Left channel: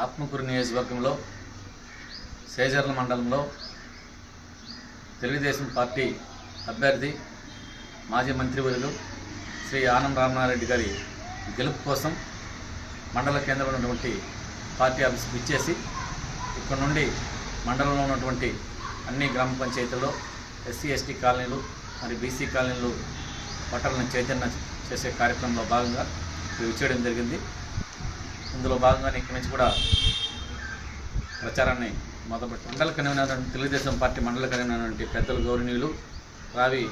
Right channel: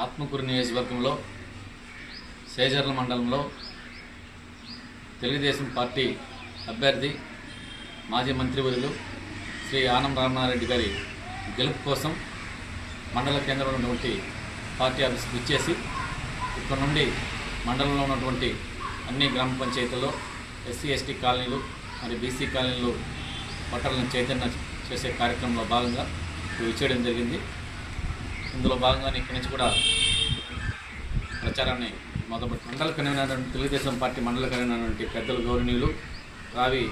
ఆత్మకూరు నియోజకవర్గంలో సేజర్ల మండలంలో తెలుగుదేశం పార్టీ అభ్యర్థి మాజీ మంత్రివర్యులు శ్రీ ఆనం రామనారెడ్డి గారి గెలుపు కోసం మండల కేంద్రంలో ఉన్నటువంటి పార్టీ ఆఫీస్కి ఇచ్చేసి ఇక్కడ నుండి మండలంలో ఉన్నటువంటి అన్ని గ్రామ పంచాయతీల్లో ఎస్సీ ఎస్టీ కాలనీలు మరి బీసీ కాలనీలు ఓటర్లను చైతన్య చేసే కార్యక్రమంలో భాగంగా ఇది చేయడం జరిగింది. ఇందులో భాగంగానే ఇక్కడి నుంచి కూడా ప్రచారాన్ని మొదలుపెట్టి మండల కన్వీనర్ తెలుగుదేశం పార్టీ మండల కన్వీనర్ పెద్దలు గౌరవనీయులు రావి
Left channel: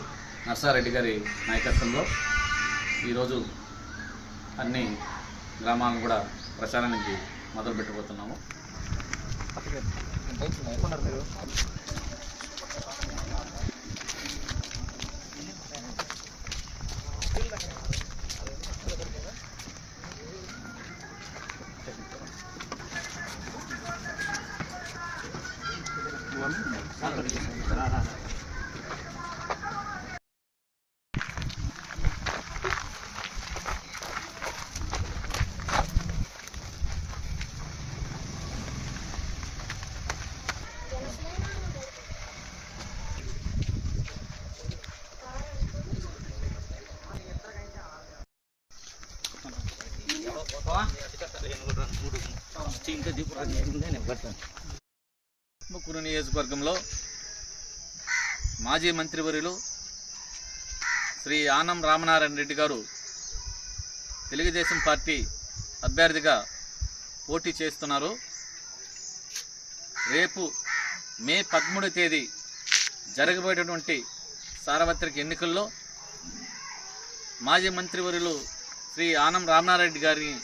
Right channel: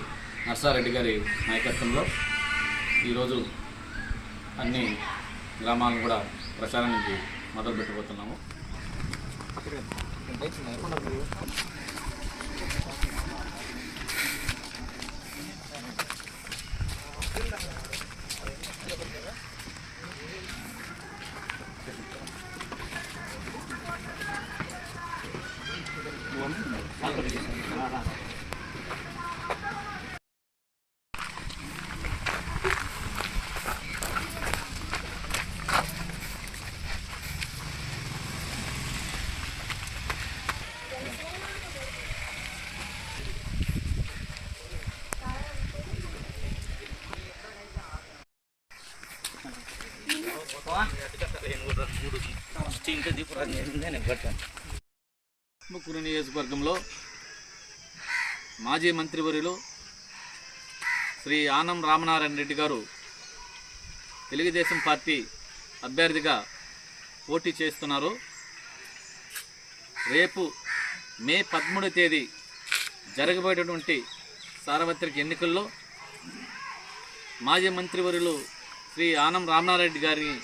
నర్సారెడ్డి గారి నాయకత్వంలో ఈరోజు అన్ని గ్రామాలను కూడా ప్రచారానికి మొదలు పెట్టబోతున్నాము ఆత్మకూరు నియోజకవర్గంలో మాజీ మంత్రివర్యులు శ్రీ ఆనం రామనారాయణ రెడ్డి గారు తెలుగుదేశం పార్టీ అభ్యర్థిగా పోటీ చేస్తున్నారు. రేపు మే పదమూడు తేదీ జరగబోయేటటువంటి సార్వత్రిక ఎన్నికల్లో మాజీ మంత్రివర్యులు శ్రీ ఆనం రామనారెడ్డి గారిని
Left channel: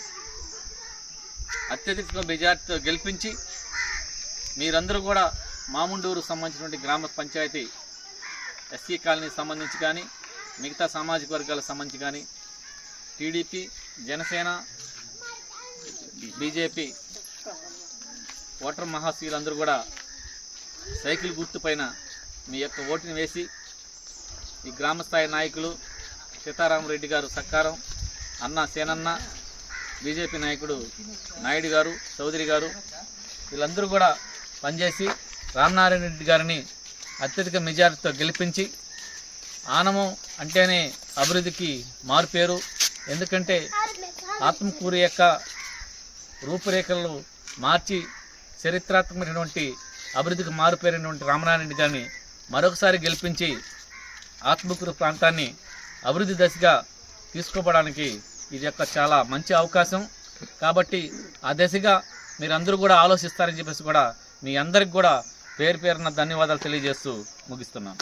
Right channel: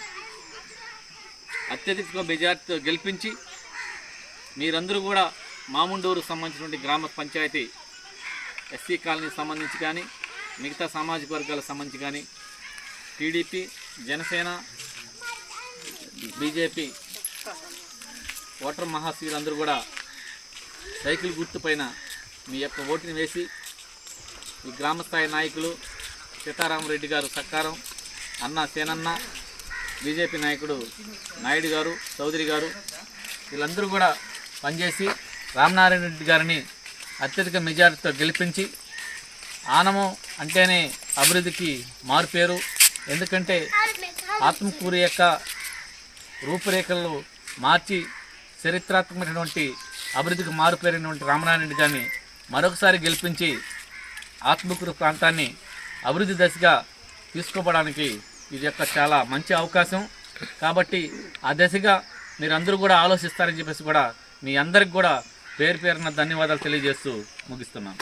అత్యధిక మెజార్టీతో గెలిపించి మీరందరూ కూడా మాముండూరు సంబంధించినటువంటి గ్రామ పంచాయతీ ఎస్సీ కాలనీకి సంబంధించి కానీ మిగతా సామాజిక వర్గాలకు సంబంధించి కానీ టీడీపీ జనసేన బీజేపీ ఓటర్ మహాశీలందరూ కూడా సైకిల్ గుర్తుపైన మీ యొక్క ఓటుని వేసి ఈ గ్రామస్థాయి నాయకులు సీతారామరెడ్డి గారు సక్కారం అన్న సేనన్న బీజేపీ నాయకుడు నాయుడు గారు చౌదరి గారు వీళ్ళందరూ కూడా పనిచేసి రామనారాయణ రెడ్డి గారిని అత్యధిక మెజారిటీతో గెలిపించి ఆనము అంటేనే అభివృద్ధికి మారుపేరు. ఎందుకంటే ఆత్మకూరు యొక్క రూపురేఖలు మార్చి చరిత్రాత్మకమైనటువంటి అభివృద్ధికి మారుపేరినటువంటి రామనారాయణ గారిని మరొకసారి గెలిపించి ఆత్మకూరు ప్రాంతాన్ని అభివృద్ధి దశగా తీసుకోవడానికి ఇది యొక్క చాలా మంచి అవకాశం. కాబట్టి ఆ దశగా మీరందరూ కూడా ఆలోచిస్తారని చెప్పేసి కూడా మీ అందరికి కూడా పేరు పేరున ధన్యవాదాలు తెలియజేస్తూ ముగిస్తున్నాను.